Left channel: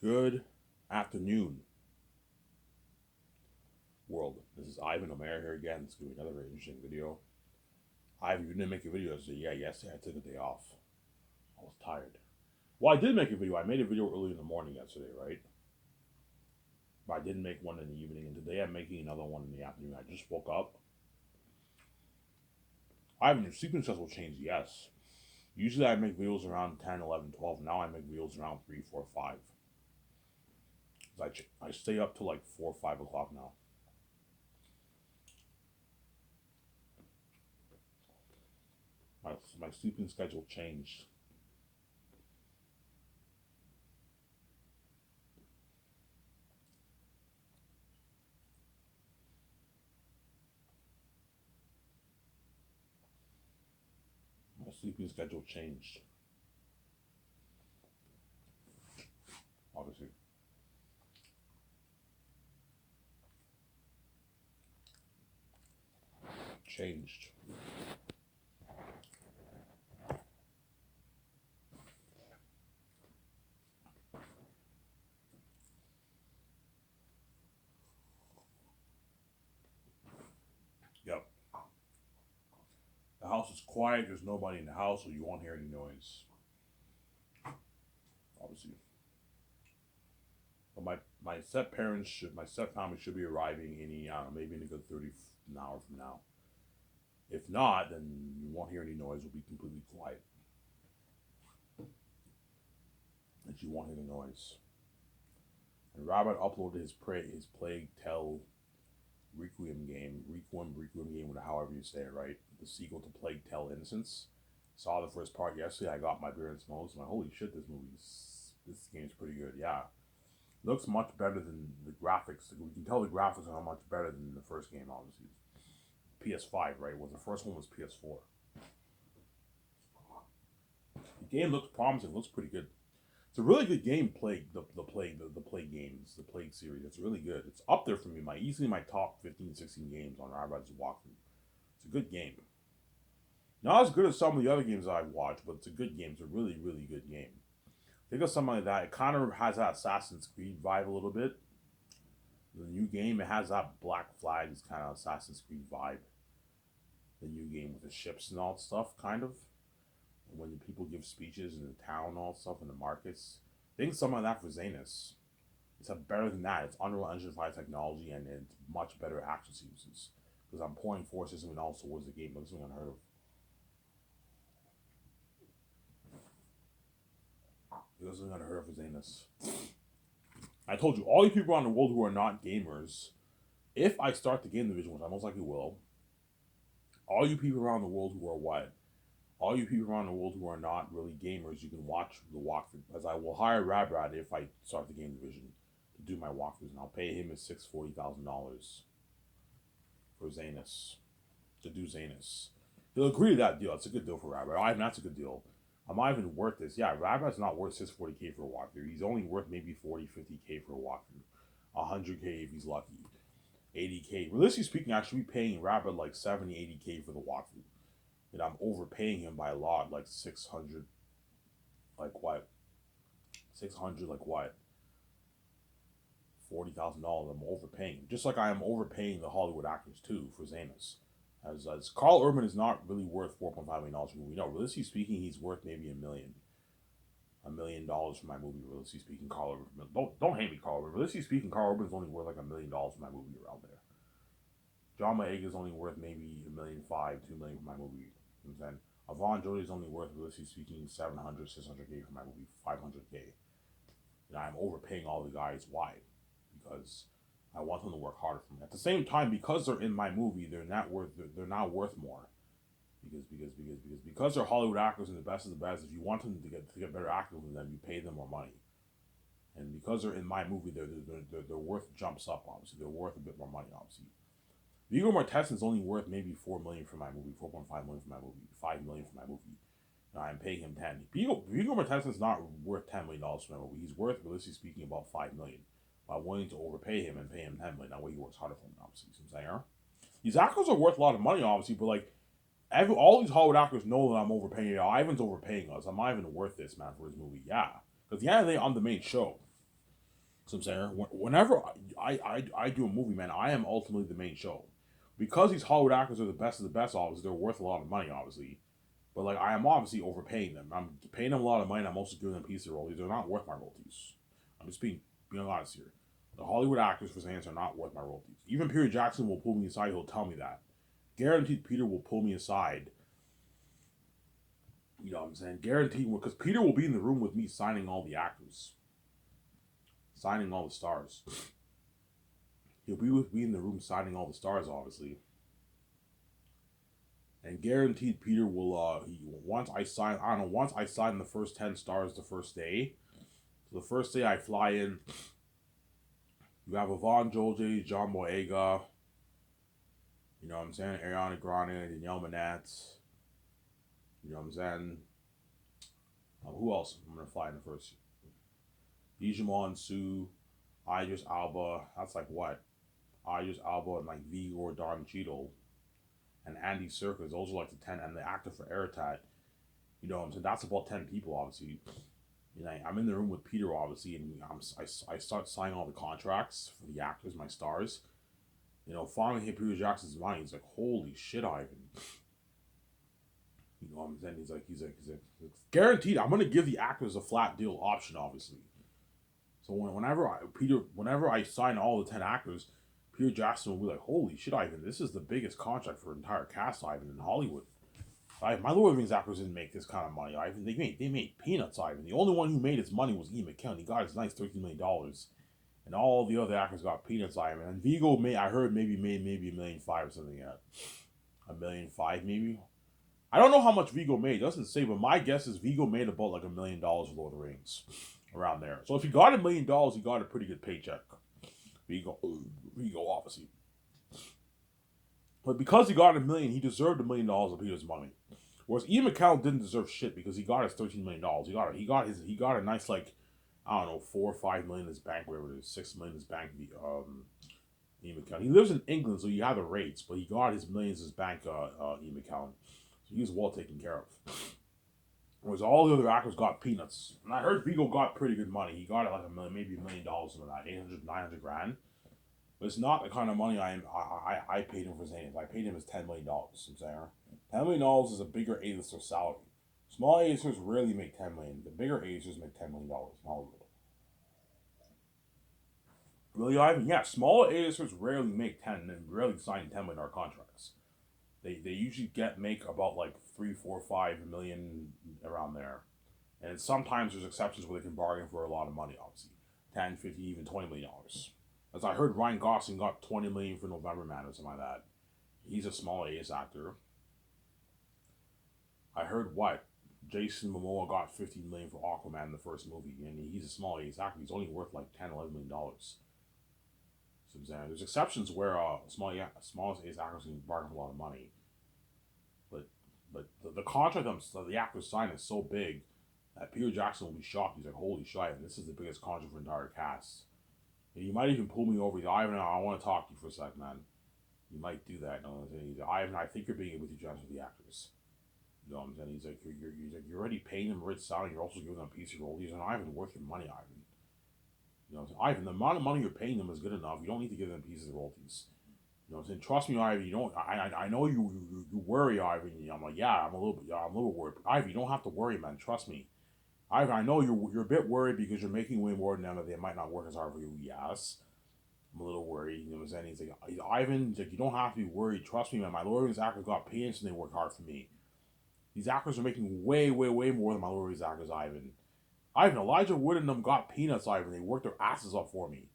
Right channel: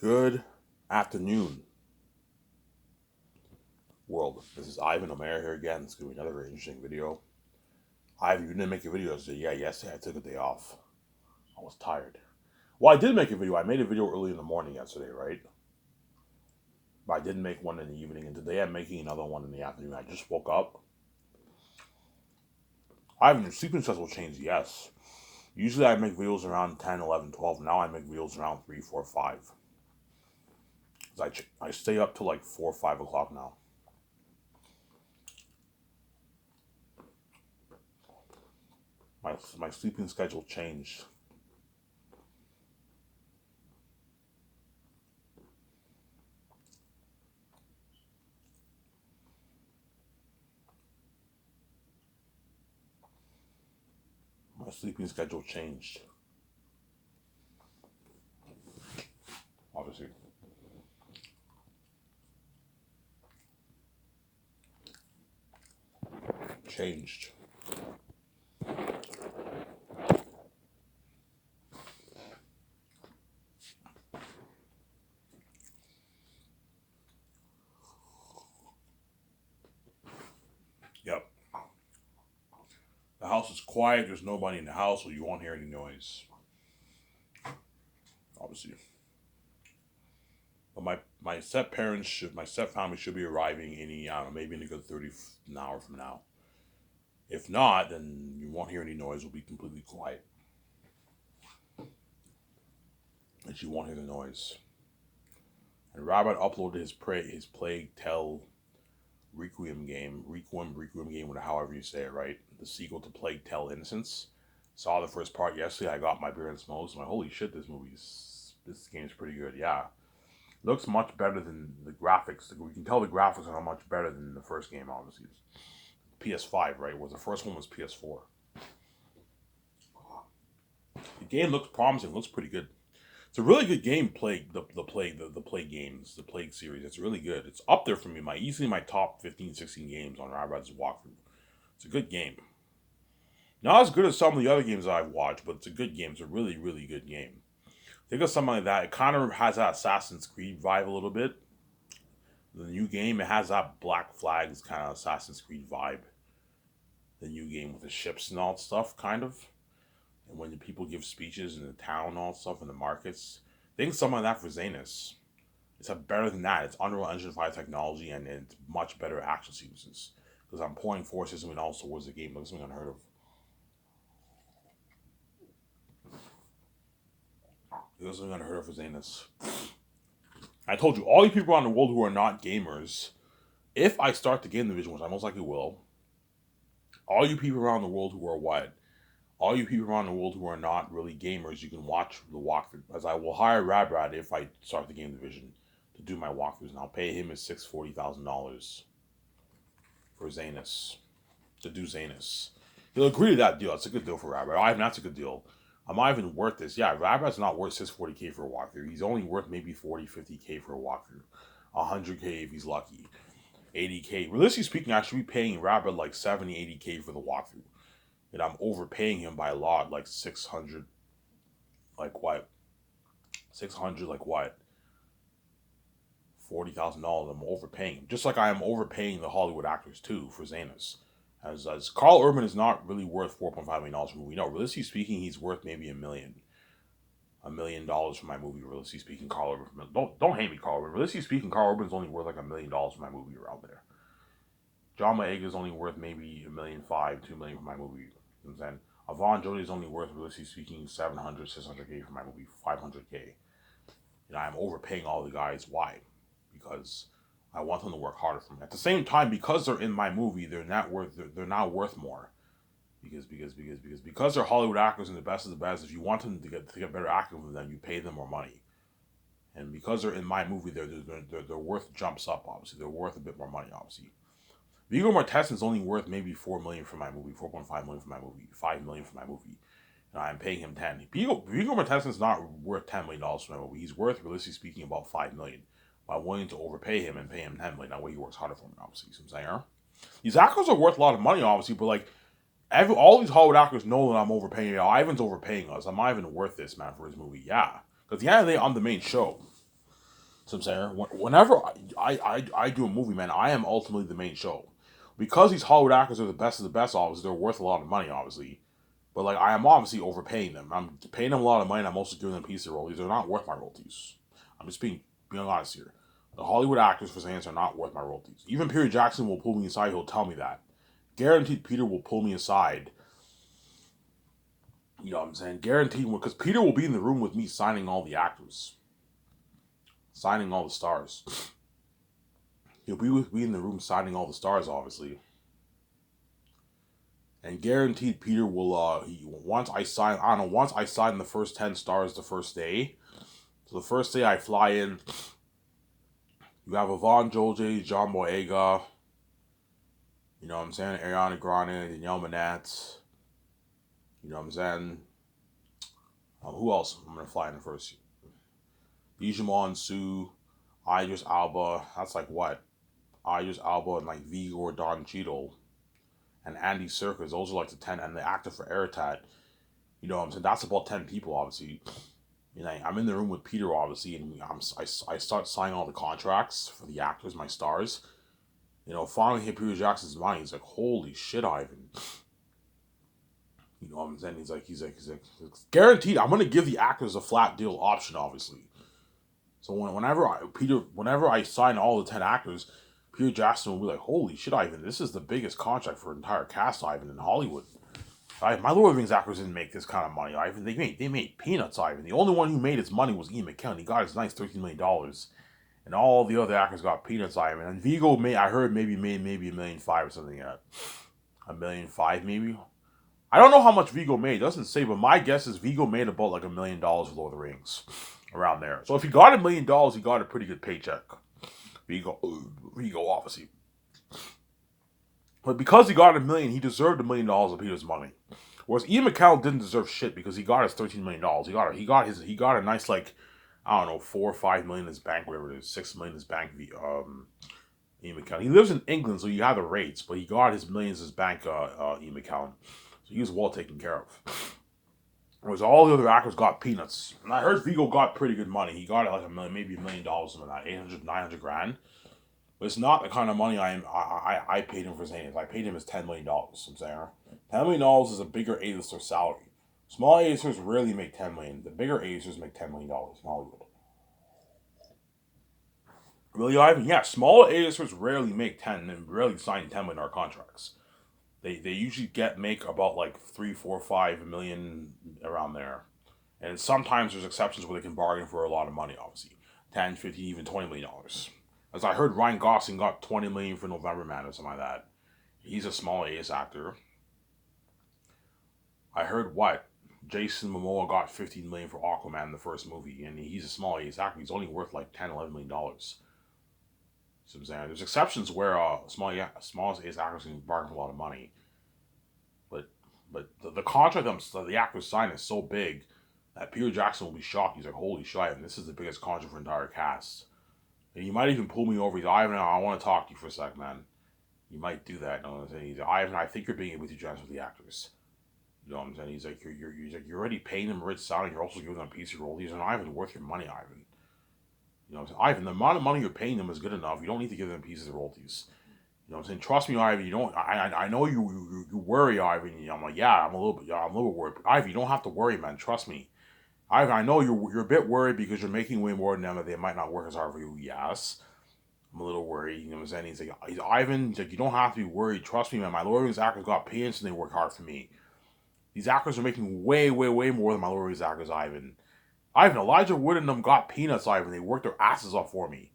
Good afternoon, world. This is Ivan Omer here again. It's going to be another very interesting video. Ivan, you didn't make a video yesterday. Yeah, yesterday I took a day off. I was tired. Well, I did make a video. I made a video early in the morning yesterday, right? But I didn't make one in the evening. And today I'm making another one in the afternoon. I just woke up. Ivan, your sleeping schedule changed, yes. Usually I make videos around 10, 11, 12. Now I make videos around 3, 4, 5. I stay up till like 4, 5 o'clock now. My sleeping schedule changed. My sleeping schedule changed. Obviously. Changed. Yep. The house is quiet. There's nobody in the house, so you won't hear any noise. Obviously. But my step family should be arriving any, I don't know, maybe in a good 30 an hour from now. If not, then you won't hear any noise. It'll be completely quiet. And you won't hear the noise. And Rabbit uploaded his Plague Tale Requiem game, however you say it, right? The sequel to Plague Tale Innocence. Saw the first part yesterday. I got my beer and smokes. I'm like, holy shit, this game's pretty good. Yeah, looks much better than the graphics. We can tell the graphics are much better than the first game. Obviously, PS5, right? Was the first one was PS4. The game looks promising. Looks pretty good. It's a really good game. The Plague games, the Plague series. It's really good. It's up there for me. Easily my top 15, 16 games on Rabbids walkthrough. It's a good game. Not as good as some of the other games that I've watched, but it's a good game. It's a really, really good game. Think of something like that. It kind of has that Assassin's Creed vibe a little bit. The new game, it has that Black Flags kind of Assassin's Creed vibe. The new game with the ships and all that stuff, kind of. And when the people give speeches in the town and all that stuff in the markets. Think something like that for Zanus. It's better than that. It's Unreal Engine 5 technology and it's much better action sequences. Because I'm pouring forces and also towards the game, looks something unheard of. It was something unheard of for Zanus. I told you, all you people around the world who are not gamers, if I start the game division, which I most likely will, all you people around the world who are what? All you people around the world who are not really gamers, you can watch the walkthrough. As I will hire Rabrad if I start the game division to do my walkthroughs, and I'll pay him his $640,000 for Zanus to do Zanus. He'll agree to that deal. That's a good deal for Rabrad. I mean, that's a good deal. I'm not even worth this. Yeah, Rabrad's not worth 640K for a walkthrough. He's only worth maybe 40, 50K for a walkthrough. 100K if he's lucky. 80K. Realistically speaking, I should be paying Rabbit like 70, 80K for the walkthrough. And I'm overpaying him by a lot, like 600. Like what? 600, like what? $40,000. I'm overpaying him. Just like I am overpaying the Hollywood actors too for Zanus. As Carl Urban is not really worth $4.5 million for a movie. No, realistically speaking, he's worth maybe $1 million for my movie. Realistically speaking, Carl Urban. Don't hate me, Carl Urban. Realistically speaking, Carl Urban's only worth like $1 million for my movie around there. John Boyega is only worth maybe $1.5 million, $2 million for my movie. You know what I'm saying? Avon Jody is only worth, realistically speaking, 700, 600K for my movie, 500K. And I'm overpaying all the guys. Why? Because I want them to work harder for me. At the same time, because they're in my movie, they're not worth more. Because they're Hollywood actors and the best of the best. If you want them to get better acting from them, you pay them more money. And because they're in my movie, their worth jumps up. Obviously, they're worth a bit more money. Obviously, Viggo Mortensen is only worth maybe $4 million for my movie, $4.5 million for my movie, $5 million for my movie. And I'm paying him 10. Viggo Mortensen is not worth $10 million for my movie. He's worth, realistically speaking, about $5 million. But I'm willing to overpay him and pay him $10 million. That way he works harder for me, obviously. You know what I'm saying? These actors are worth a lot of money, obviously, but like all these Hollywood actors know that I'm overpaying. You know, Ivan's overpaying us. I'm not even worth this, man, for his movie. Yeah, because the end of the day, I'm the main show. So I'm saying, whenever I do a movie, man, I am ultimately the main show. Because these Hollywood actors are the best of the best, obviously, they're worth a lot of money, obviously. But, like, I am obviously overpaying them. I'm paying them a lot of money, and I'm also giving them a piece of royalties. They're not worth my royalties. I'm just being honest here. The Hollywood actors for Sands are not worth my royalties. Even Peter Jackson will pull me aside. He'll tell me that. Guaranteed Peter will pull me aside. You know what I'm saying? Guaranteed, because Peter will be in the room with me signing all the actors. Signing all the stars. He'll be with me in the room signing all the stars, obviously. And guaranteed Peter will, once I sign the first 10 stars the first day. So the first day I fly in, you have Yvonne Jolie, John Boyega, you know what I'm saying, Ariana Grande, Danielle Manette, you know what I'm saying, who else I'm going to fly in the first? Bijamon Sue, Idris Alba, that's like what? Idris Alba and like Viggo Don Cheadle, and Andy Serkis, those are like the 10, and the actor for Eritat, you know what I'm saying, that's about 10 people, obviously. You know, I'm in the room with Peter, obviously, and I start signing all the contracts for the actors, my stars. You know, finally hit Peter Jackson's mind. He's like, "Holy shit, Ivan!" You know what I'm saying? He's like, guaranteed. I'm gonna give the actors a flat deal option, obviously. So whenever I sign all the 10 actors, Peter Jackson will be like, "Holy shit, Ivan! This is the biggest contract for an entire cast, Ivan, in Hollywood." My Lord of the Rings actors didn't make this kind of money, Ivan. They made peanuts, Ivan. The only one who made his money was Ian McKellen. He got his nice $13 million. And all the other actors got peanuts, Ivan. And Viggo I heard maybe made maybe $1.5 million or something yet. $1.5 million maybe. I don't know how much Viggo made. It doesn't say, but my guess is Viggo made about like $1 million for Lord of the Rings. Around there. So if he got $1 million, he got a pretty good paycheck. Viggo obviously. But because he got $1 million, he deserved $1 million of Peter's money. Whereas Ian McKellen didn't deserve shit because he got his $13 million. He got a nice, like, I don't know, 4 or 5 million in his bank, whatever it is, 6 million in his bank. Ian McKellen. He lives in England, so you have the rates, but he got his millions in his bank. Ian McKellen, so he was well taken care of. Whereas all the other actors got peanuts. And I heard Viggo got pretty good money. He got like maybe $1 million, something like that, 800, 900 grand. But it's not the kind of money I paid him for his name. I paid him his $10 million. I'm saying $10 million is a bigger A-lister salary. Small A-listers rarely make $10 million. The bigger A-listers make $10 million in Hollywood. Really, Ivan? Yeah, small A-listers rarely make 10 and rarely sign $10 million contracts. They usually make about like 3, 4, 5 million around there. And sometimes there's exceptions where they can bargain for a lot of money, obviously. 10, 50, even $20 million. As I heard, Ryan Gosling got $20 million for November Man or something like that. He's a small A-list actor. I heard what? Jason Momoa got $15 million for Aquaman in the first movie, and he's a small A-list actor. He's only worth like $10, $11 million. So I'm saying there's exceptions where smallest A-list actors can bargain for a lot of money. But the contract the actors sign is so big that Peter Jackson will be shocked. He's like, "Holy shit, and this is the biggest contract for the entire cast." And he might even pull me over. He's like, "Ivan, I want to talk to you for a sec, man." You might do that. You know what I'm saying? He's like, "Ivan, I think you're being able to transfer the actors." You know what I'm saying? He's like, you're already paying them a rich salary. You're also giving them a piece of royalties. And Ivan, worth your money, Ivan. You know what I'm saying? Ivan, the amount of money you're paying them is good enough. You don't need to give them pieces of royalties. You know what I'm saying? Trust me, Ivan. You don't. I know you worry, Ivan. I'm like, yeah, I'm a little worried. But Ivan, you don't have to worry, man. Trust me. Ivan, I know you're a bit worried because you're making way more than them, and they might not work as hard for you. Yes, I'm a little worried. You know what I'm saying? He's like, Ivan. He's like, you don't have to be worried. Trust me, man. My Lord of the Rings actors got peanuts and they work hard for me. These actors are making way, way, way more than my Lord of the Rings actors, Ivan. Elijah Wood and them got peanuts, Ivan. They worked their asses off for me.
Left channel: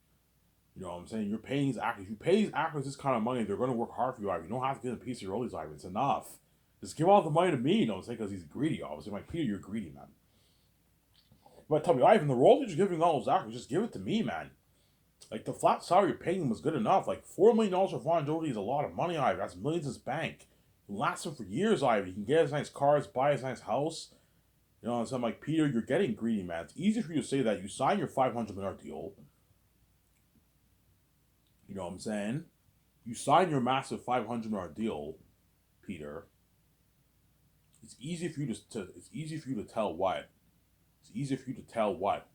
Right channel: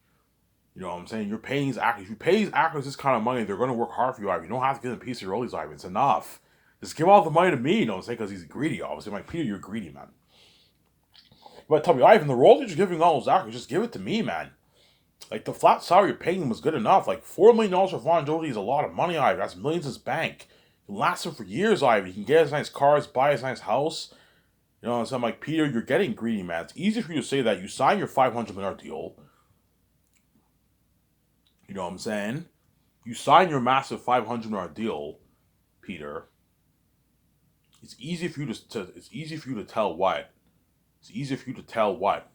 You know what I'm saying? You're paying these actors. If you pay these actors this kind of money, they're going to work hard for you, Ivan. You don't have to give them a piece of your rollies, Ivan. It's enough. Just give all the money to me, you know what I'm saying? Because he's greedy, obviously. I'm like, Peter, you're greedy, man. But tell me, Ivan, the royalties you're giving all those actors, just give it to me, man. Like, the flat salary you're paying them was good enough. Like, $4 million for Vaughn Jolie is a lot of money, Ivan. That's millions in his bank. It can last him for years, Ivan. He can get his nice cars, buy his nice house. You know what I'm saying? I'm like, Peter, you're getting greedy, man. It's easy for you to say that. You sign your $500 million deal. You know what I'm saying? You sign your massive $500 million deal, Peter. It's easy for you to tell what? It's easy for you to tell what?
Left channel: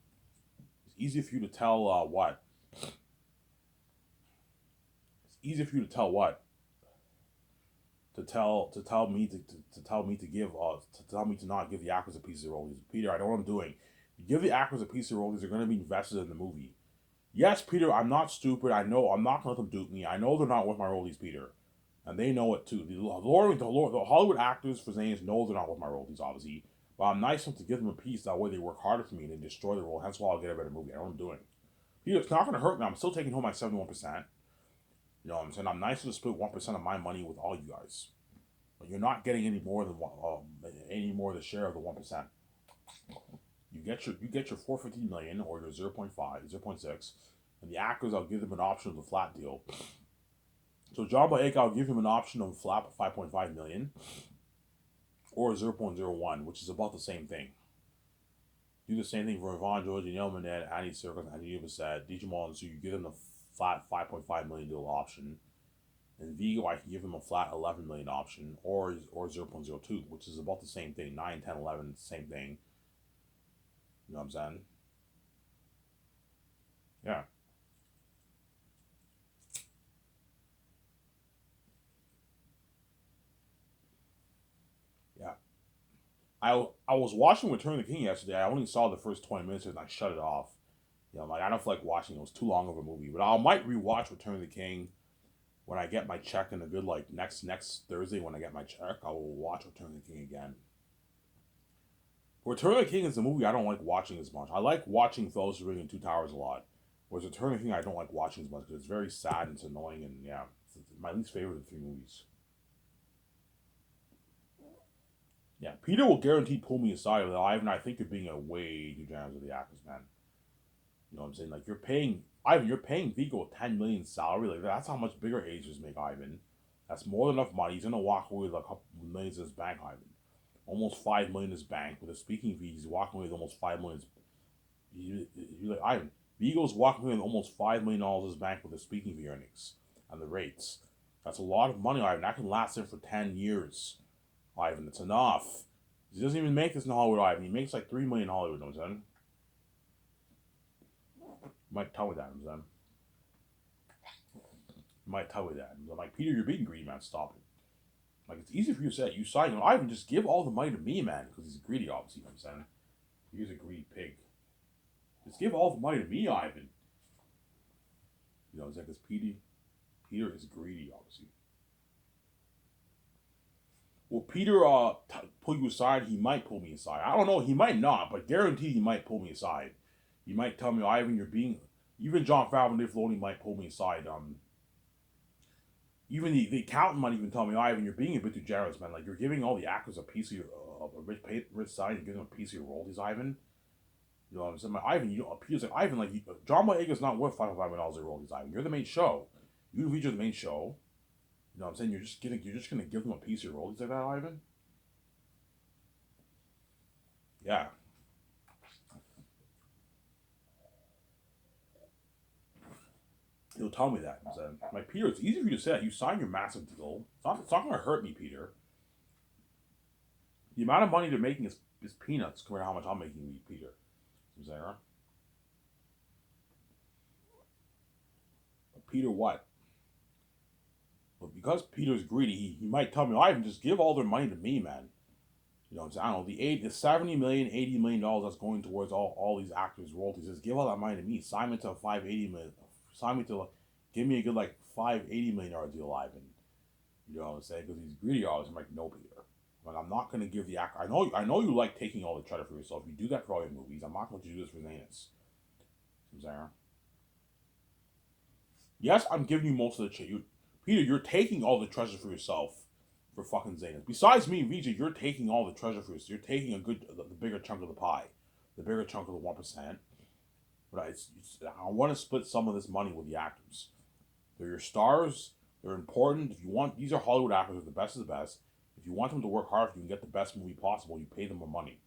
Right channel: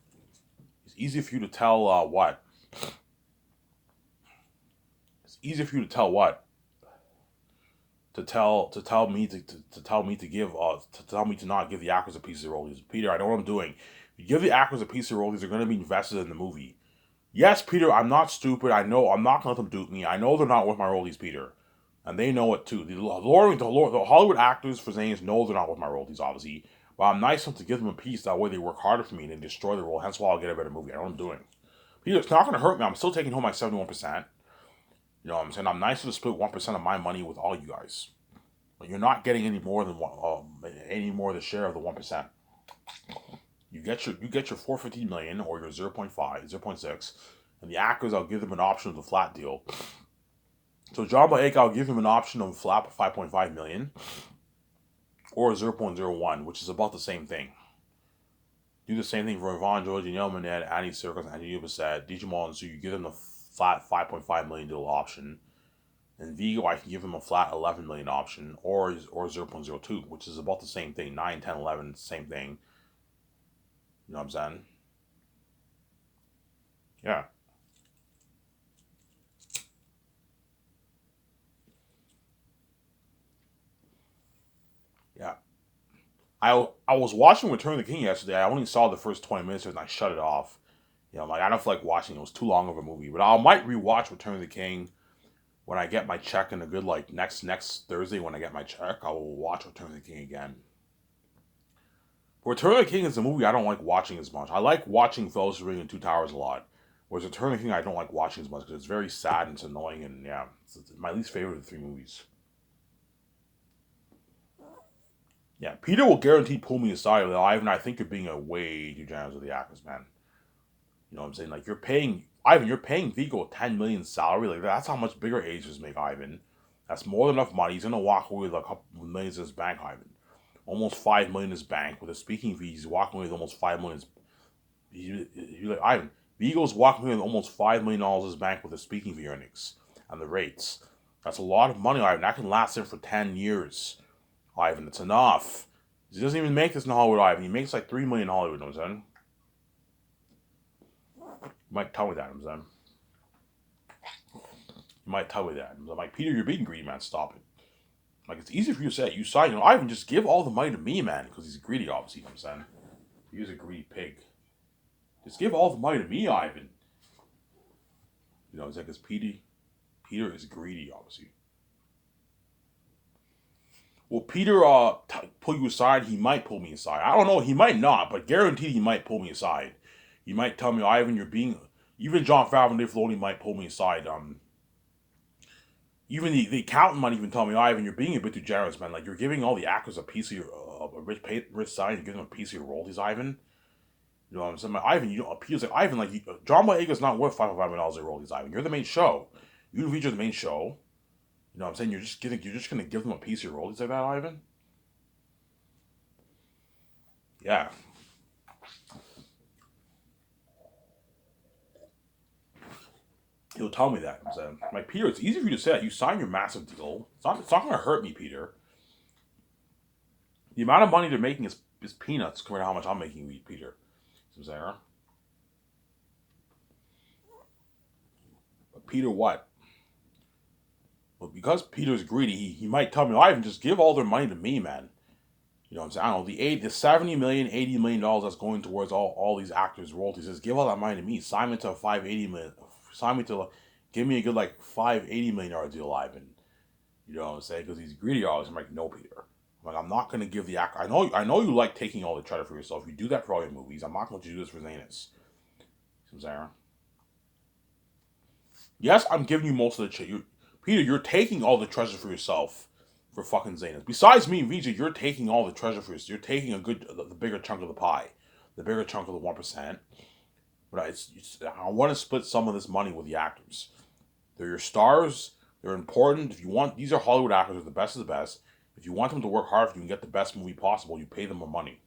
It's easy for you to tell what? It's easy for you to tell what? To tell me to not give the actors a piece of the royalties. Peter, I know what I'm doing. If you give the actors a piece of the royalties, they're going to be invested in the movie. Yes, Peter, I'm not stupid. I know I'm not going to let them dupe me. I know they're not worth my royalties, Peter, and they know it too. The Hollywood actors for Zanes know they're not worth my royalties, obviously. But I'm nice enough to give them a piece. That way, they work harder for me and they destroy the role. Hence why I'll get a better movie. I know what I'm doing. Peter, it's not going to hurt me. I'm still taking home my 71%. You know what I'm saying? I'm nice to split 1% of my money with all you guys. But you're not getting any more than any more the share of the 1%. You get your 450 million or your 0.5, 0.6, and the actors I'll give them an option of the flat deal. So John Boyega, I'll give him an option of flat 5.5 million or 0.01, which is about the same thing. Do the same thing for Yvonne George, Danielle Minette, Andy Serkis, Andy Bissett, Digimon, so you give them the flat 5.5 million deal option. And Vigo, I can give him a flat 11 million option or 0.02, which is about the same thing. 9, 10, 11, same thing. You know what I'm saying? Yeah. Yeah. I was watching Return of the King yesterday. I only saw the first 20 minutes and I shut it off. You know, I'm like, I don't feel like watching it. It was too long of a movie. But I might rewatch Return of the King when I get my check in a good, like, next Thursday when I get my check. I will watch Return of the King again. Return of the King is a movie I don't like watching as much. I like watching Fellowship of the Ring and Two Towers a lot. Whereas Return of the King I don't like watching as much because it's very sad and it's annoying and yeah, it's my least favorite of the three movies. Yeah, Peter will guarantee pull me aside with Ivan. I think you're being a way too generous with the actors, man. You know what I'm saying? Like you're paying Vigo a 10 million salary. Like that's how much bigger agents make Ivan. That's more than enough money. He's gonna walk away with a couple millions in his bank, Ivan. Almost 5 million in his bank with a speaking fee. He's walking away with almost 5 million. You're like Ivan. Vigo's walking away with almost $5 million in his bank with the speaking fee earnings and the rates. That's a lot of money, Ivan. That can last him for 10 years. Ivan, it's enough. He doesn't even make this in Hollywood, Ivan. He makes like 3 million in Hollywood, you know what I'm saying? You might tell me that, I'm saying. You might tell me that. I'm like, Peter, you're being greedy, man. Stop it. Like, it's easy for you to say. You sign, Ivan, just give all the money to me, man. Because he's greedy, obviously, you know what I'm saying? He's a greedy pig. Just give all the money to me, Ivan. You know what I'm saying? Because Peter is greedy, obviously. Will Peter pull you aside? He might pull me aside. I don't know. He might not, but guaranteed he might pull me aside. He might tell me, Ivan, you're being... Even Jon Favreau and Dave Filoni might pull me aside. Even the accountant might even tell me, Ivan, you're being a bit too generous, man. Like, you're giving all the actors a piece of your... a rich side, you're giving them a piece of your royalties, Ivan. You know what I'm saying? Like, Ivan, Peter's like, Ivan, like, John Boyega's not worth $5.5 million in royalties, Ivan. You're the main show. You feature the main show. You know what I'm saying? You're just gonna give them a piece of your royalties like that, Ivan? Yeah. He'll tell me that. I'm saying, like, Peter, it's easy for you to say that. You sign your massive deal. It's not gonna hurt me, Peter. The amount of money they're making is peanuts compared to how much I'm making, Peter. I'm saying, huh? But Peter, what? Well, because Peter's greedy, he might tell me, Ivan, just give all their money to me, man. You know what I'm saying? I don't know, the 70 million, $80 million that's going towards all these actors' royalties. Just give all that money to me. Sign me to a 580 million. Sign me to, give me a good, like, $580 million deal, Ivan. You know what I'm saying? Because he's greedy, always. I'm like, no, Peter. I'm like, I'm not going to give the actor. I know you like taking all the credit for yourself. You do that for all your movies. I'm not going to do this for Zanus. You know what I'm saying? Yes, I'm giving you most of the Peter, you're taking all the treasure for yourself for fucking Zanus. Besides me, Vijay, you're taking all the treasure for yourself. You're taking the bigger chunk of the pie, the bigger chunk of the 1%. But I want to split some of this money with the actors. They're your stars. They're important. If you want, these are Hollywood actors. They're the best of the best. If you want them to work hard for you and get the best movie possible, you pay them more money.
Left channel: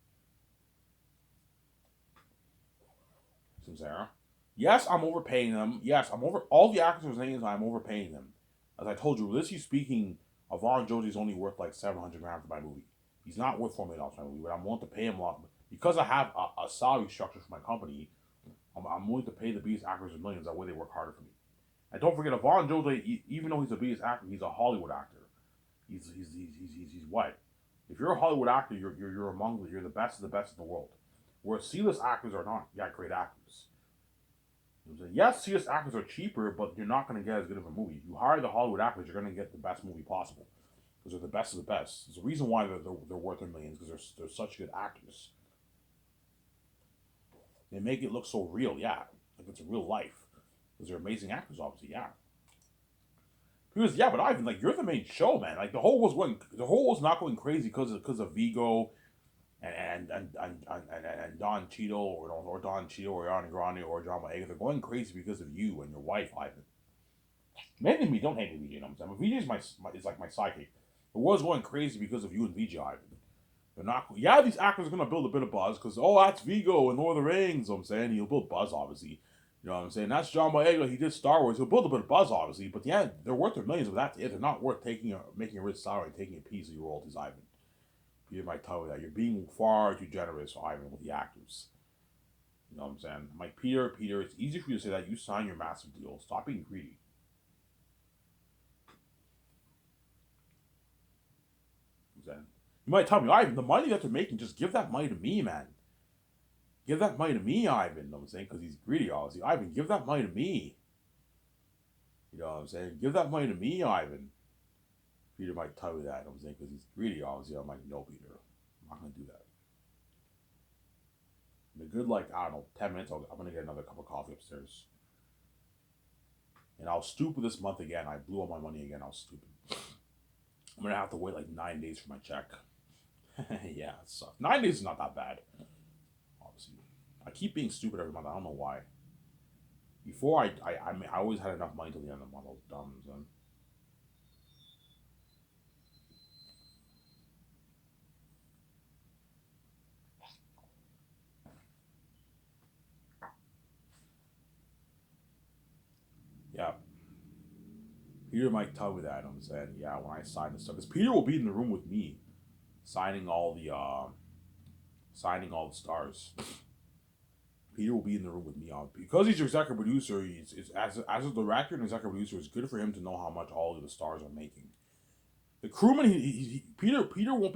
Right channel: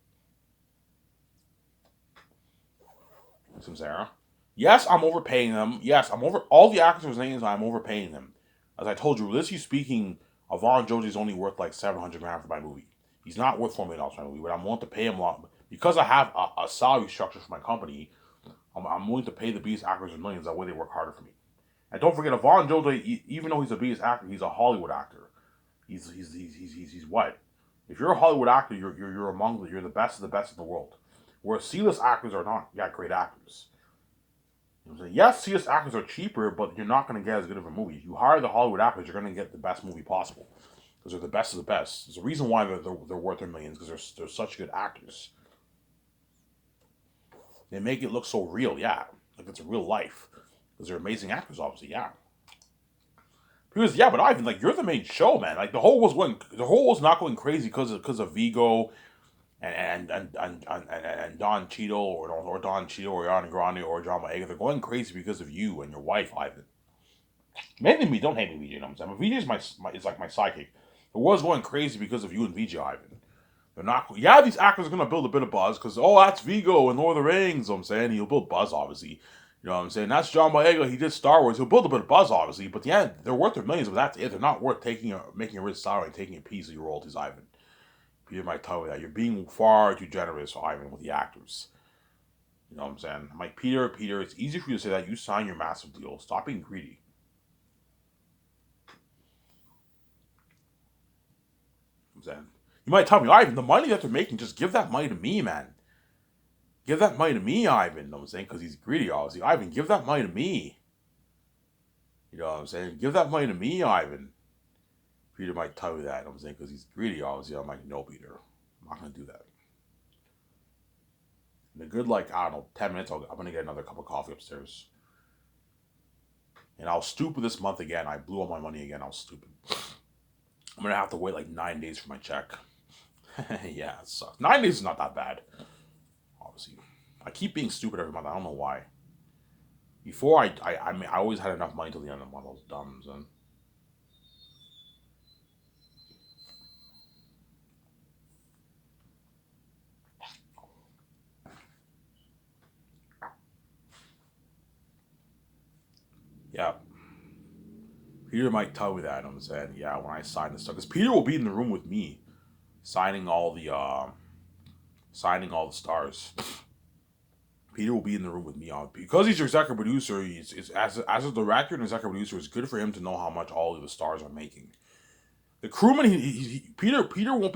Some Sarah. Yes, I'm overpaying them. Yes, I'm over all the actors' names. I'm overpaying them. As I told you, realistically speaking, Avon Joji is only worth like $700,000 for my movie. He's not worth $4 million for my movie, but I'm willing to pay him a lot because I have a salary structure for my company. I'm willing to pay the biggest actors millions that way they work harder for me. And don't forget, Yvonne Jojo, even though he's the biggest actor, he's a Hollywood actor. He's what? If you're a Hollywood actor, you're among you're the best of the best in the world. Whereas C-list actors are not. You got great actors. You know what I'm saying? Yes, C-list actors are cheaper, but you're not going to get as good of a movie. If you hire the Hollywood actors, you're going to get the best movie possible because they're the best of the best. There's a reason why they're worth their millions because they're such good actors. They make it look so real, yeah, like it's real life because they're amazing actors, obviously, yeah. Because yeah, but Ivan, like you're the main show, man. Like the whole was not going crazy because of Vigo and Don Cheadle or Don Cheadle or Ariana Grande or John Boyega. They're going crazy because of you and your wife, Ivan. Mainly me, don't hate me, VJ. You know what I'm saying? But VJ is is like my sidekick. The world's going crazy because of you and VJ, Ivan. They're not. Yeah, these actors are gonna build a bit of buzz because that's Vigo and Lord of the Rings. You know what I'm saying he'll build buzz, obviously. You know what I'm saying? That's John Boyega. He did Star Wars. He'll build a bit of buzz, obviously. But yeah, they're worth their millions. But that's it. They're not worth making a rich salary and taking a piece of your royalties, Ivan. Peter might tell you that you're being far too generous, Ivan, with the actors. You know what I'm saying? I'm like Peter, it's easy for you to say that. You sign your massive deal. Stop being greedy. You know what I'm saying? You might tell me, Ivan, the money that they're making, just give that money to me, man. Give that money to me, Ivan. You know what I'm saying? Because he's greedy, obviously. Ivan, give that money to me. You know what I'm saying? Give that money to me, Ivan. Peter might tell you that. You know what I'm saying? Because he's greedy, obviously. I'm like, no, Peter. I'm not going to do that. In a good, like, I don't know, 10 minutes, I'm going to get another cup of coffee upstairs. And I was stupid this month again. I blew all my money again. I was stupid. I'm going to have to wait like 9 days for my check. Yeah, it sucks. 9 days is not that bad. Obviously. I keep being stupid every month. I don't know why. Before, I always had enough money till the end of the month. I was dumb. So. Yeah. Peter might tell me that. I'm saying, yeah, when I sign this stuff. Because Peter will be in the room with me signing all the stars. Peter will be in the room with me on because he's your executive producer. He's as a director and executive producer, it's good for him to know how much all of the stars are making. The crewman, Peter won't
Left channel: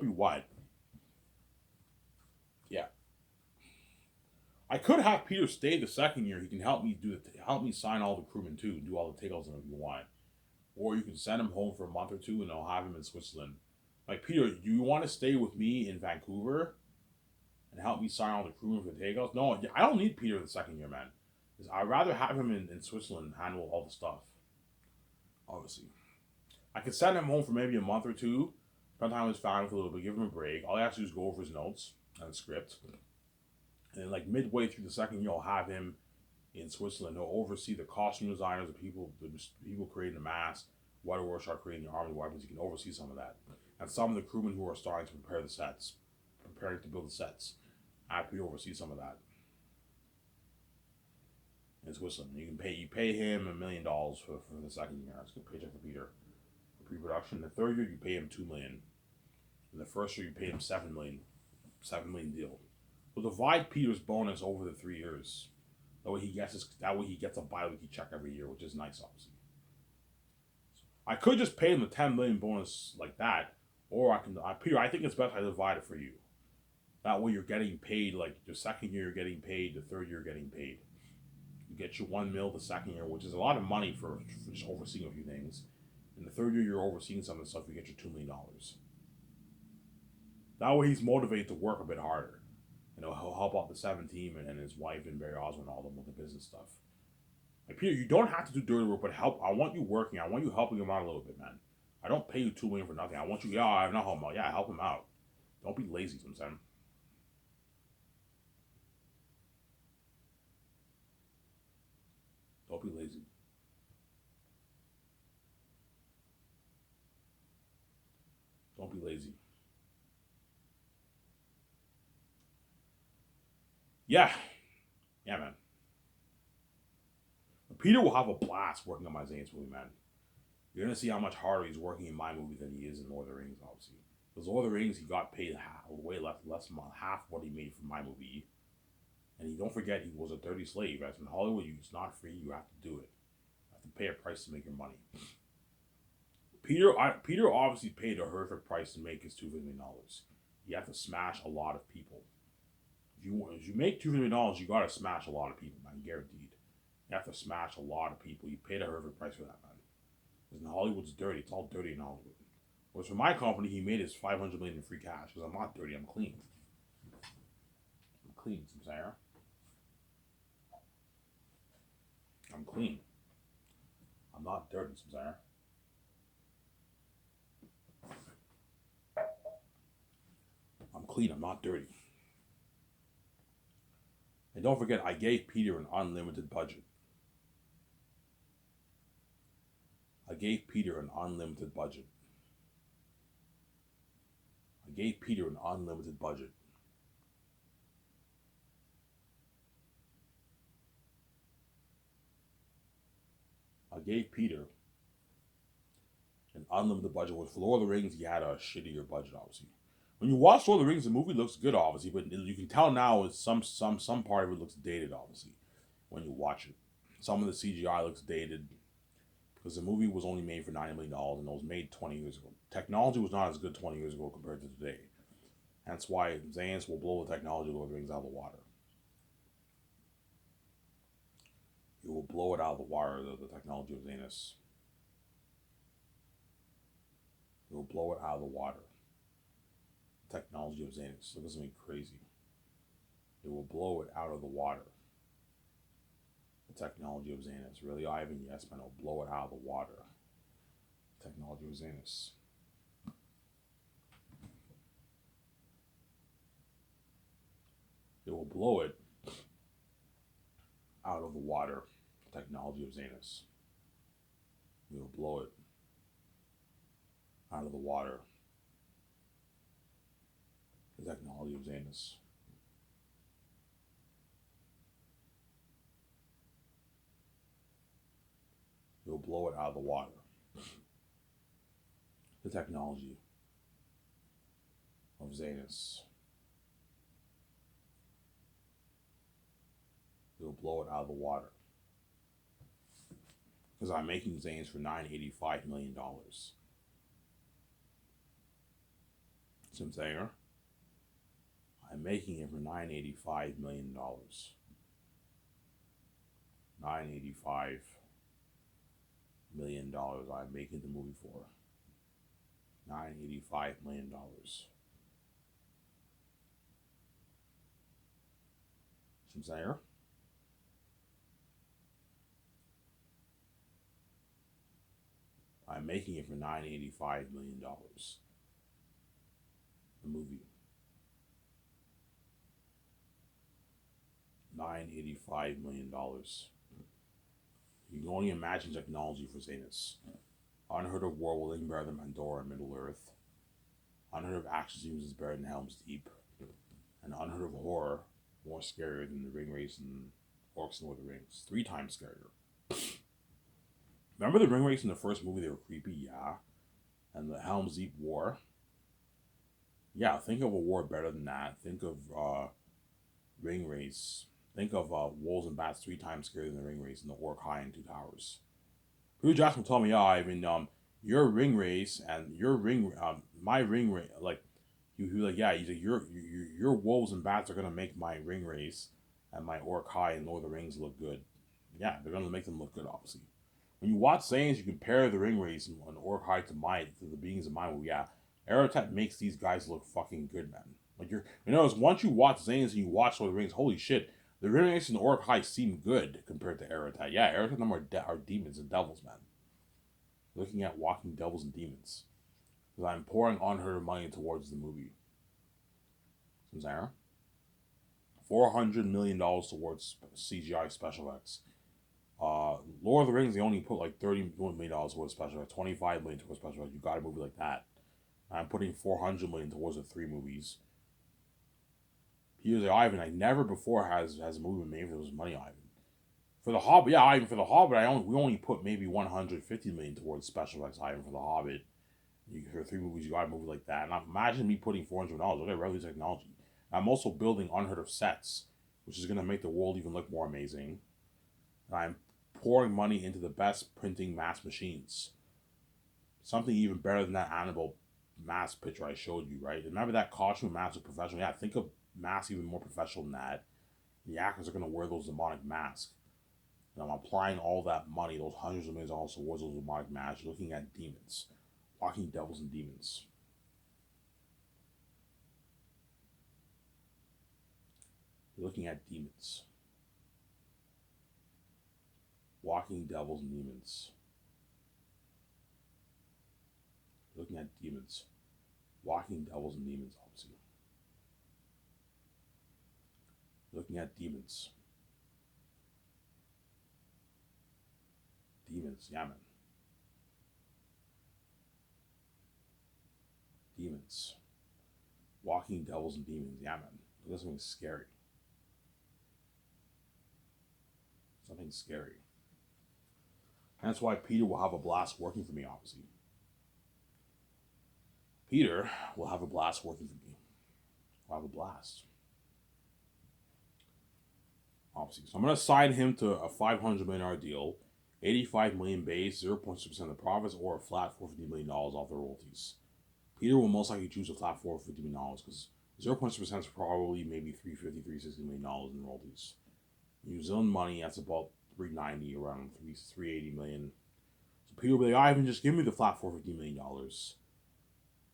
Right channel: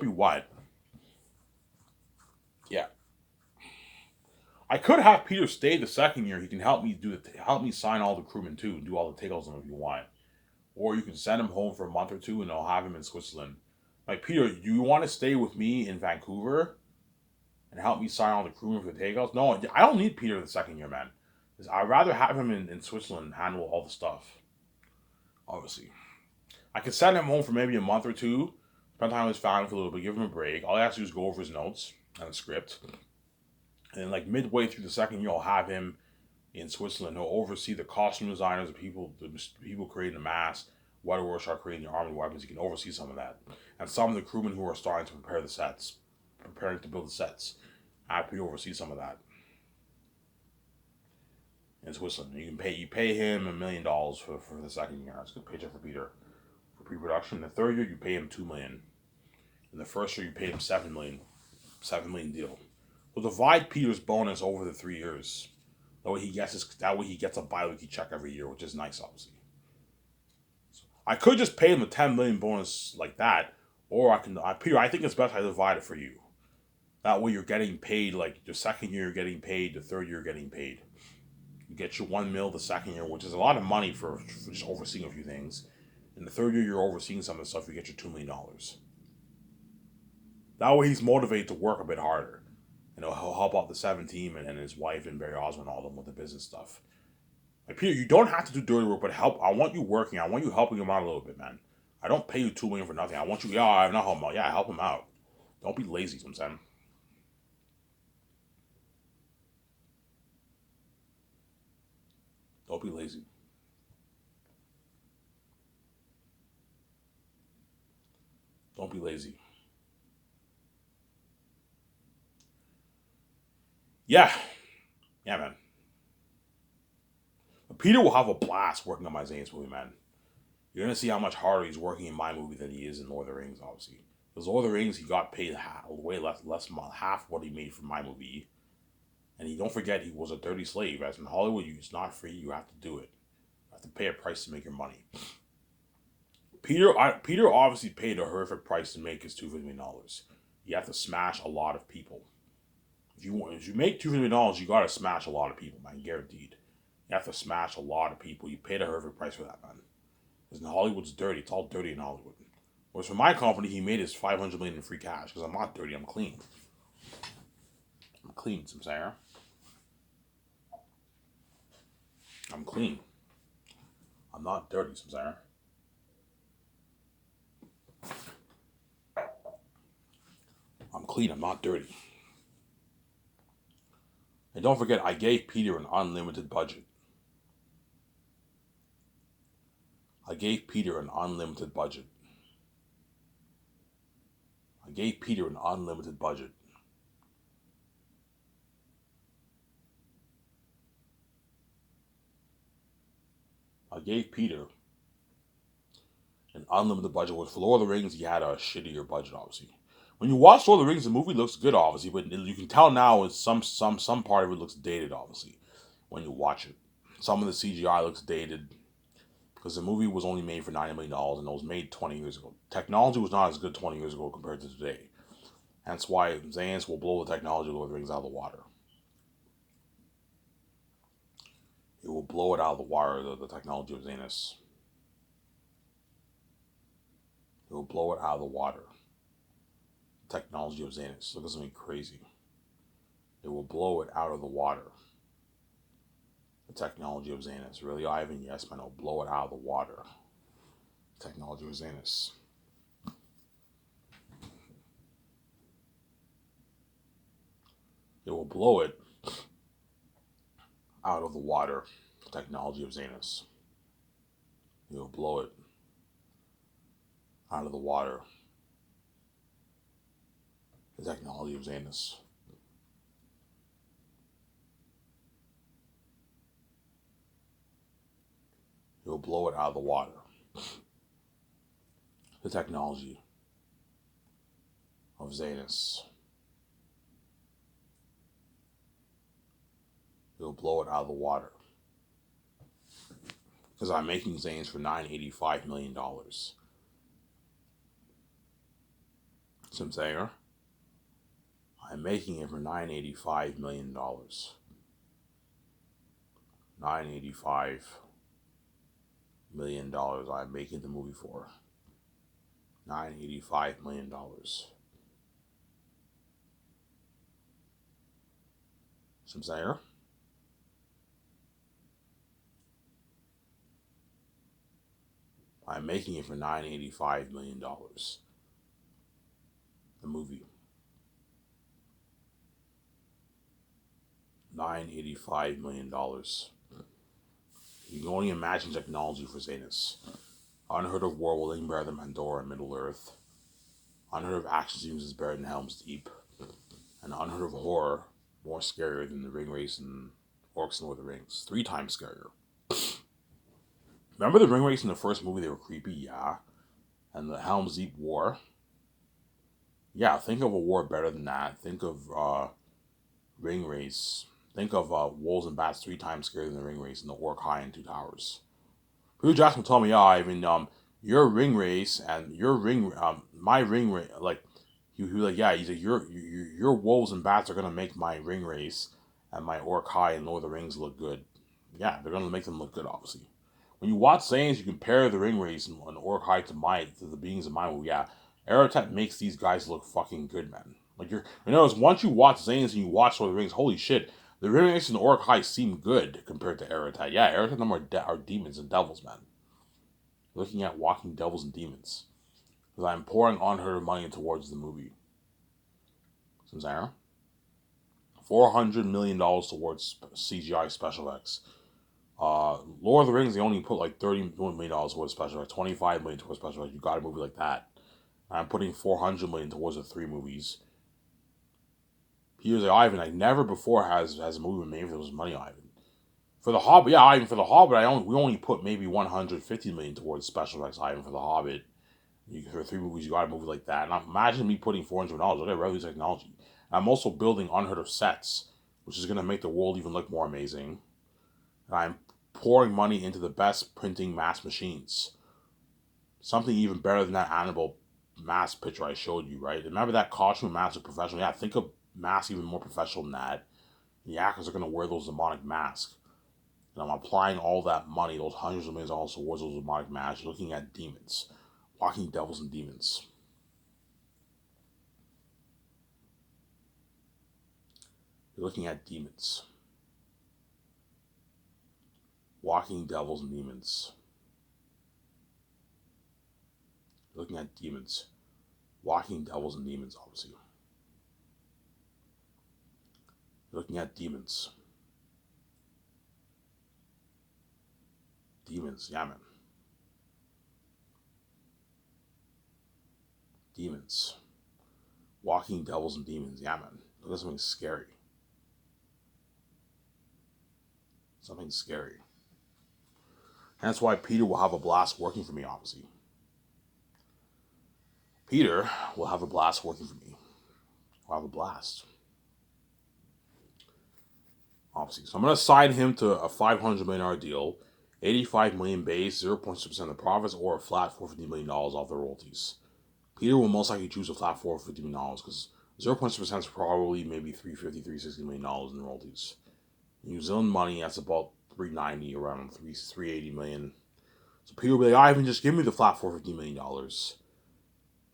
be what? Yeah, I could have Peter stay the second year. He can help me help me sign all the crewmen too, and do all the takeoffs if you want. Or you can send him home for a month or two, and I'll have him in Switzerland. Like Peter, do you want to stay with me in Vancouver and help me sign all the crewmen for the takeoffs? No, I don't need Peter the second year, man. I'd rather have him in Switzerland handle all the stuff. Obviously, I could send him home for maybe a month or two, spend time with his family for a little bit, give him a break. All I have to do is go over his notes and the script. And then, like midway through the second year, I'll have him in Switzerland. He'll oversee the costume designers, the people creating the masks, White Rorschach creating the army weapons. He can oversee some of that. And some of the crewmen who are starting to prepare the sets, preparing to build the sets. I have to oversee some of that in Switzerland. You pay him $1 million for the second year. That's a good paycheck for Peter for pre-production. The third year you pay him $2 million. In the first year you pay him $7 million. $7 million deal. We'll divide Peter's bonus over the 3 years. That way he gets a bi-weekly check every year, which is nice, obviously. So I could just pay him the $10 million bonus like that, or Peter, I think it's best I divide it for you. That way you're getting paid, like the second year you're getting paid, the third year you're getting paid. You get your $1 million the second year, which is a lot of money for just overseeing a few things. In the third year you're overseeing some of the stuff, you get your $2 million. That way he's motivated to work a bit harder. You know, he'll help out the 7 team and his wife and Barry Osmond, all of them with the business stuff. Like Peter, you don't have to do dirty work, but help. I want you working. I want you helping him out a little bit, man. I don't pay you $2 million for nothing. I want you. Yeah, I'm not helping him out. Yeah, help him out. Don't be lazy, sometimes. Don't be lazy. Don't be lazy. Yeah, yeah, man. Peter will have a blast working on my Zane's movie, man. You're gonna see how much harder he's working in my movie than he is in Lord of the Rings, obviously. Because Lord of the Rings, he got paid way less half what he made for my movie. And you don't forget he was a dirty slave. As in Hollywood, it's not free. You have to do it. You have to pay a price to make your money. Peter obviously paid a horrific price to make his $250 million. You have to smash a lot of people. If you make $250 million, you gotta smash a lot of people, man. Guaranteed. You have to smash a lot of people. You paid a horrific price for that, man. Because Hollywood's dirty. It's all dirty in Hollywood. Whereas for my company, he made his $500 million in free cash. Because I'm not dirty. I'm clean. I'm clean, Samsara. I'm clean. I'm not dirty, Samsara. I'm clean. I'm not dirty. And don't forget, I gave Peter an unlimited budget. I gave Peter an unlimited budget. I gave Peter an unlimited budget. I gave Peter an unlimited budget. With Lord of the Rings, he had a shittier budget, obviously. When you watch Lord of the Rings, the movie looks good, obviously, but you can tell now it's some part of it looks dated, obviously, when you watch it. Some of the CGI looks dated because the movie was only made for $90 million and it was made 20 years ago. Technology was not as good 20 years ago compared to today. That's why Zanus will blow the technology of Lord of the Rings out of the water. It will blow it out of the water, the technology of Zanus. It will blow it out of the water. The technology of Zanus. Look at something crazy. It will blow it out of the water. The technology of Zanus. Really, Ivan? Yes, man. It'll blow it out of the water. The technology of Zanus. It will blow it out of the water. The technology of Zanus. It will blow it out of the water. The technology of Zanus. It will blow it out of the water. The technology of Zanus. It will blow it out of the water. Because I'm making Zanus for $985 million. Simsayer. I'm making it for $985 million. $985 million I'm making the movie for. $985 million. Simsayer. I'm making it for $985 million. The movie. $985 million. You can only imagine technology for Zanus. Unheard of war will better than Pandora and Middle Earth. Unheard of action scenes is better than Helm's Deep. And unheard of horror more scarier than the ring race and Orcs and Lord of the Rings. 3 times scarier. Remember the ring race in the first movie? They were creepy, yeah. And the Helm's Deep war. Yeah, think of a war better than that. Think of ring race. Think of wolves and bats 3 times scarier than the ring race and the Orc High and 2 Towers. Peter Jackson told me, yeah, I mean, your ring race and your ring, my ring race, like, he was like, yeah, he's like, your wolves and bats are gonna make my ring race and my Orc High and Lord of the Rings look good. Yeah, they're gonna make them look good, obviously. When you watch Zanes, you compare the ring race and Orc High to the beings of my movie. Yeah, Aratat makes these guys look fucking good, man. Like once you watch Zanes and you watch Lord of the Rings, holy shit, the ring race and the Orc High seem good compared to Aratat. Yeah, Aratat and them are demons and devils, man. Looking at walking devils and demons. Because I'm pouring unheard of money towards the movie. Samsara. $400 million towards CGI special effects. Lord of the Rings, they only put like $30 million towards special effects, $25 million towards special effects. You got a movie like that. I'm putting $400 million towards the 3 movies. Here's the Ivan. I never before has a movie been made for those money, Ivan. For the Hobbit, yeah, Ivan. For the Hobbit, we only put maybe $150 million towards special effects, Ivan. For the Hobbit, for 3 movies, you got a movie like that. And imagine me putting $400 million. What a revolutionary technology. I'm also building unheard of sets which is going to make the world even look more amazing. And I'm pouring money into the best printing mask machines. Something even better than that Annabelle mask picture I showed you, right? Remember that costume mask is professional? Yeah, think of masks even more professional than that. The actors are going to wear those demonic masks. And I'm applying all that money, those hundreds of millions of dollars towards those demonic masks, looking at demons, walking devils and demons. You're looking at demons, walking devils and demons. You're looking at demons, walking devils and demons, obviously. You're looking at demons. Demons, yeah, man. Demons. Walking devils and demons, yeah, man. Look at something scary. Something scary. And that's why Peter will have a blast working for me, obviously. Peter will have a blast working for me. Will have a blast. Obviously. So I'm going to sign him to a $500 million deal, $85 million base, 0.6% of the profits, or a flat $450 million off the royalties. Peter will most likely choose a flat $450 million because 0.6% is probably maybe $350, $360 million in royalties. New Zealand money, that's about $390, around $380 million. So Peter will be like, Ivan, just give me the flat $450 million because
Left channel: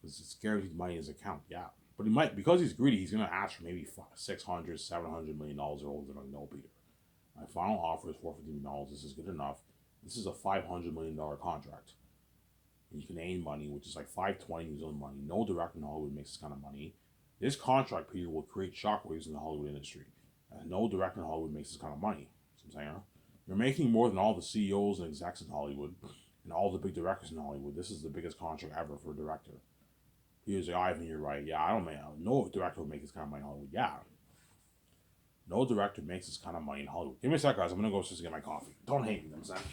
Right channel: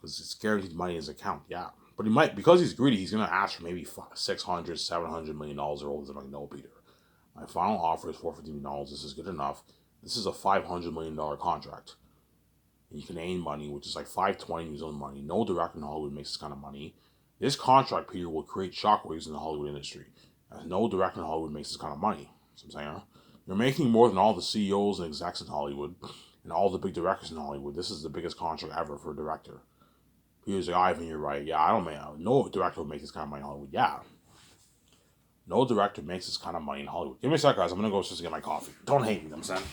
it's guaranteed money in his account. Yeah. But he might, because he's greedy, he's going to ask for maybe $600, $700 million or royalties. I'm like, no, Peter. My final offer is $450 million. This is good enough. This is a $500 million contract. In Canadian money, which is like 520 New Zealand money. No director in Hollywood makes this kind of money. This contract, Peter, will create shockwaves in the Hollywood industry. No director in Hollywood makes this kind of money. So I'm saying, you're making more than all the CEOs and execs in Hollywood and all the big directors in Hollywood. This is the biggest contract ever for a director. Peter's like, Ivan, you're right. Yeah, I don't make, no director will make this kind of money in Hollywood. Yeah. No director makes this kind of money in Hollywood. Give me a sec, guys. I'm going to go just to get my coffee. Don't hate me, you know what I'm saying?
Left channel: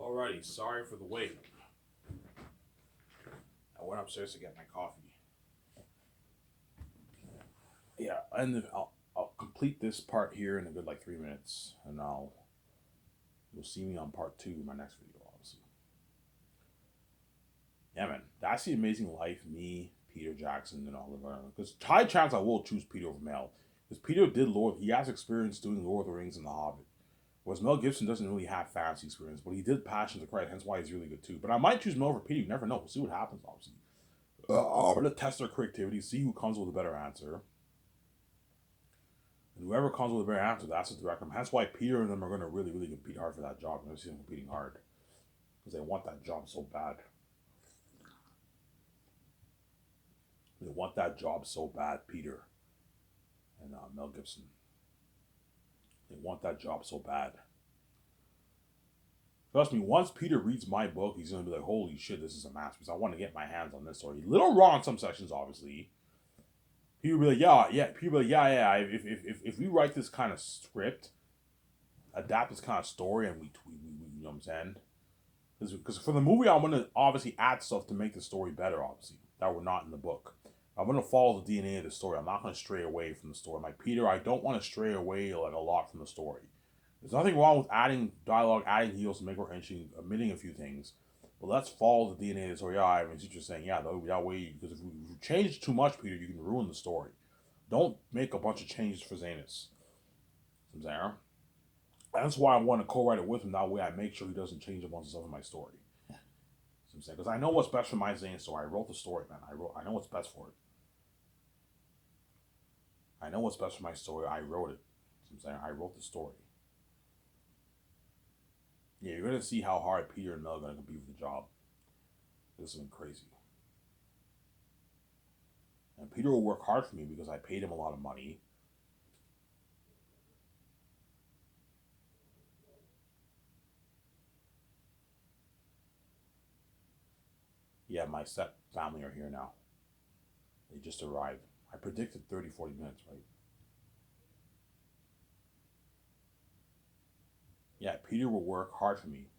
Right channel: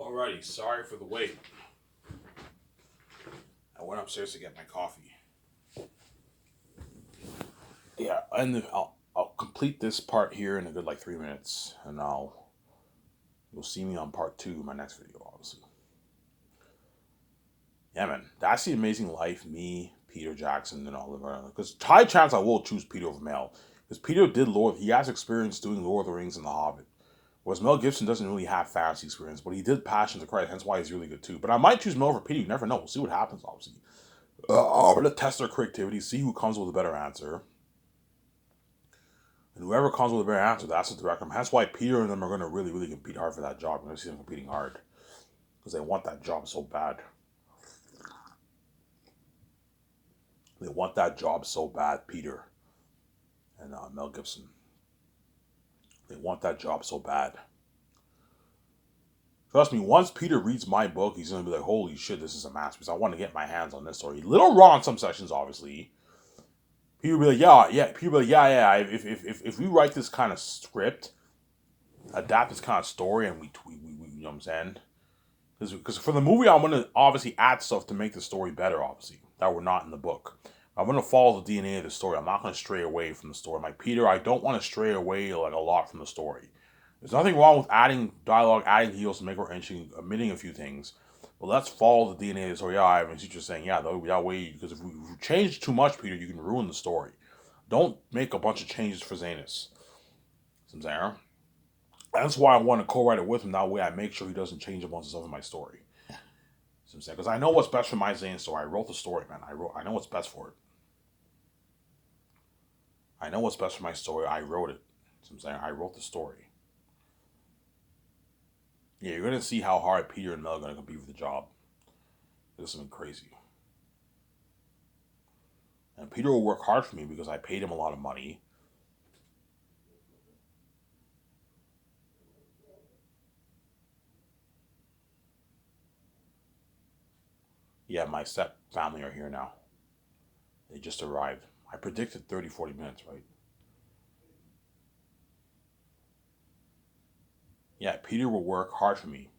Alrighty, sorry for the wait. went upstairs to get my coffee. Yeah, and I'll complete this part here in a good like 3 minutes, and you'll see me on part 2 in my next video, obviously. Yeah, man, that's The Amazing Life. Me, Peter Jackson, and Oliver. Because high chance I will choose Peter over Mel, because Peter did Lord. He has experience doing Lord of the Rings and The Hobbit. Whereas Mel Gibson doesn't really have fantasy experience, but he did Passion of the Christ, hence why he's really good too. But I might choose Mel over Peter. You never know. We'll see what happens, obviously. We're going to test their creativity, see who comes with a better answer. And whoever comes with a better answer, that's the director. Hence why Peter and them are going to really, really compete hard for that job. I'm going to see them competing hard. Because they want that job so bad. They want that job so bad, Peter and Mel Gibson. They want that job so bad. Trust me, once Peter reads my book, he's going to be like, holy shit, this is a masterpiece. I want to get my hands on this story. Little raw in some sections, obviously. People will be like, yeah. People will be like, yeah. If we write this kind of script, adapt this kind of story, and we you know what I'm saying? Because for the movie, I'm going to obviously add stuff to make the story better, obviously, that were not in the book. I'm going to follow the DNA of the story. I'm not going to stray away from the story. Like Peter, I don't want to stray away like a lot from the story. There's nothing wrong with adding dialogue, adding heels to make it interesting, omitting a few things. But let's follow the DNA of the story. Yeah, I mean, teacher's saying, yeah, that way, because if you change too much, Peter, you can ruin the story. Don't make a bunch of changes for Zanus. I'm saying? That's why I want to co-write it with him. That way I make sure he doesn't change a bunch of stuff in my story. I'm saying? Because I know what's best for my Zane story. I wrote the story, man. I know what's best for it. I know what's best for my story. I wrote it. I'm saying? I wrote the story. Yeah, you're going to see how hard Peter and Mel are going to compete for the job. This is something crazy. And Peter will work hard for me because I paid him a lot of money. Yeah, my step family are here now. They just arrived. I predicted 30, 40 minutes, right? Yeah, Peter will work hard for me.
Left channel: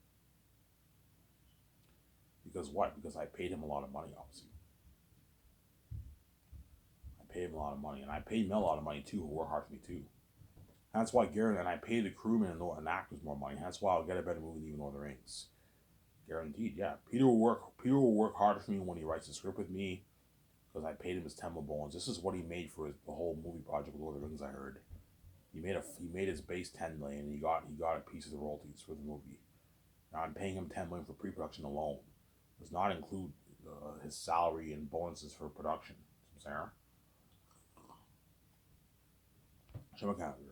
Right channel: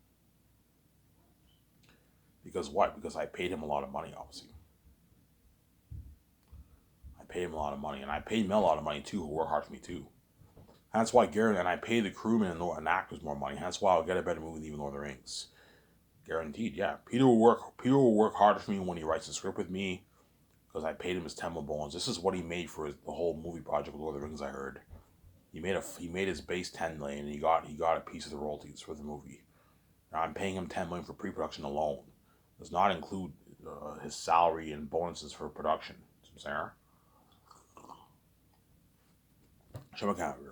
Because what? Because I paid him a lot of money, obviously. I paid him a lot of money. And I paid Mel a lot of money, too, who work hard for me, too. That's why Garen, and I pay the crewmen and actors more money. That's why I'll get a better movie than even Lord of the Rings. Guaranteed, yeah. Peter will work harder for me when he writes the script with me. Because I paid him his 10 bones. This is what he made for the whole movie project with Lord of the Rings, I heard. He made his base 10 million and he got a piece of the royalties for the movie. Now I'm paying him 10 million for pre-production alone. Does not include his salary and bonuses for production. Show my calendar.